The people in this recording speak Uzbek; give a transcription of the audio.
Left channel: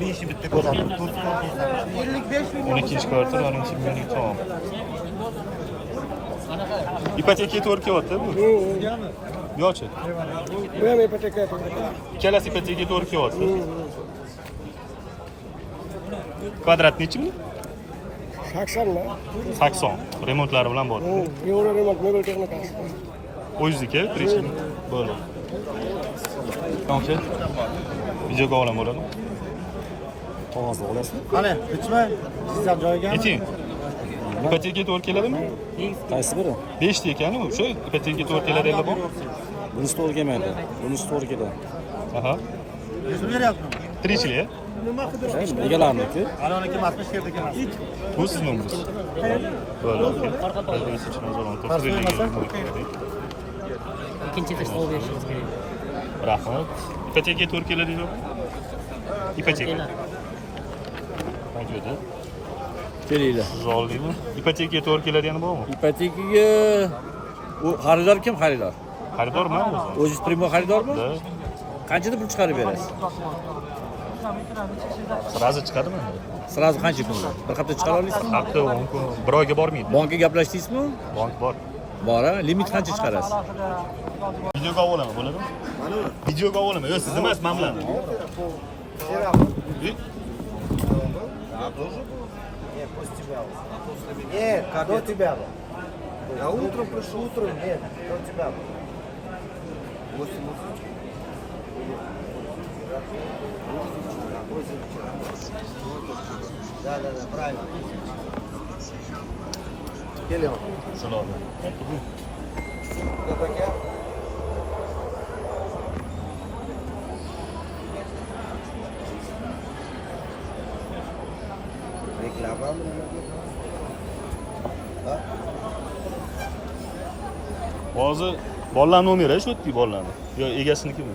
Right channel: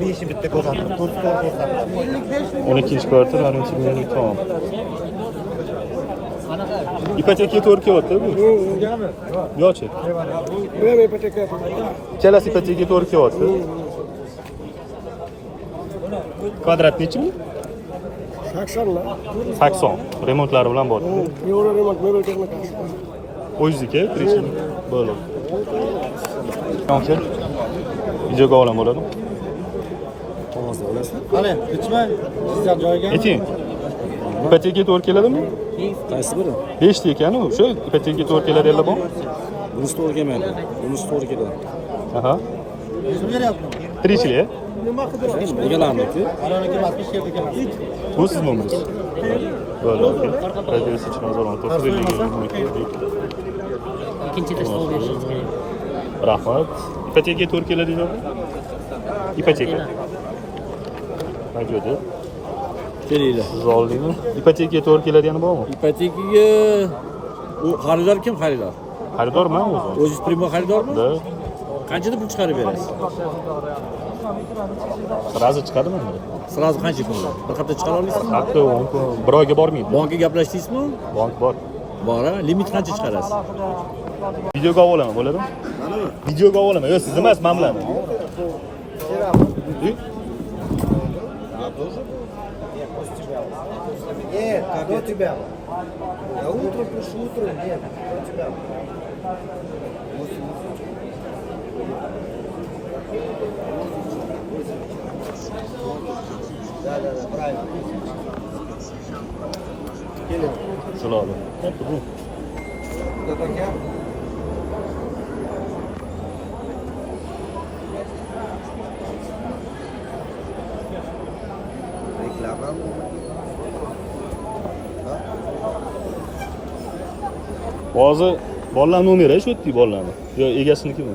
Beshi bitta ko'rsatdim. 12 kvartal, 12 million tamam. İpoteka to'rtga o'tdi bu. Yo'q-chi. Bu ham ipoteka. Ikkalasi ipoteka to'rtga o'tdi. Kvadrat nechi ming? 80 lar. 80. Remontlari bilan bor. Euro remont mebel texnikasi. O'zizniki, tirishim bo'ladi. Qancha? Videoga olam bo'ladi. Qog'ozda olasizmi? Qani, bitmay. Sizlar joyiga. Ayting. İpoteka to'rt keladimi? Qaysi biri? 5 ta ekan u. Shu ipoteka to'rt keladilar bor. Bunisi to'g'ri kelmaydi. Bunisi to'g'ri keladi. Aha. Yuzini beryapman. Tirishlik. Egalarniki. Anoniki matbuot sherdagi emas. Bu siz nomingiz. Böyle okey. Radyosu için zor oldu. İkinci taşla oluyorsunuz. Rahmat. İpoteka to'rt keladi deydi. İpoteka. Radyoda. Kelinglar. Siz oldingmi? İpoteka to'rt keladiyani bormi? Ipotekaga u xaridor kim xaridor? Xaridorman o'zi. O'zingiz primo xaridormi? Da. Qanchada pul chiqarib berasiz? Sразу chiqadimi? Sразу qancha pullar? Bir hafta chiqara olasizmi? Hatto bir oyga bormaydi. Bankka gaplashdingizmi? Bank bor. Bor, limit qancha chiqarasiz? Videoga olaman, bo'ladimi? Manimi? Videoga olaman. Yo'q, siz emas, men bilan. Нет, как я тебя. Я утром пришел, утром нет, я тебя. Да, правильно. Келем. Shularni. Reklama. Hozir bolalarning nomeri shu yerda bolalarni. Yo, egasinikimi?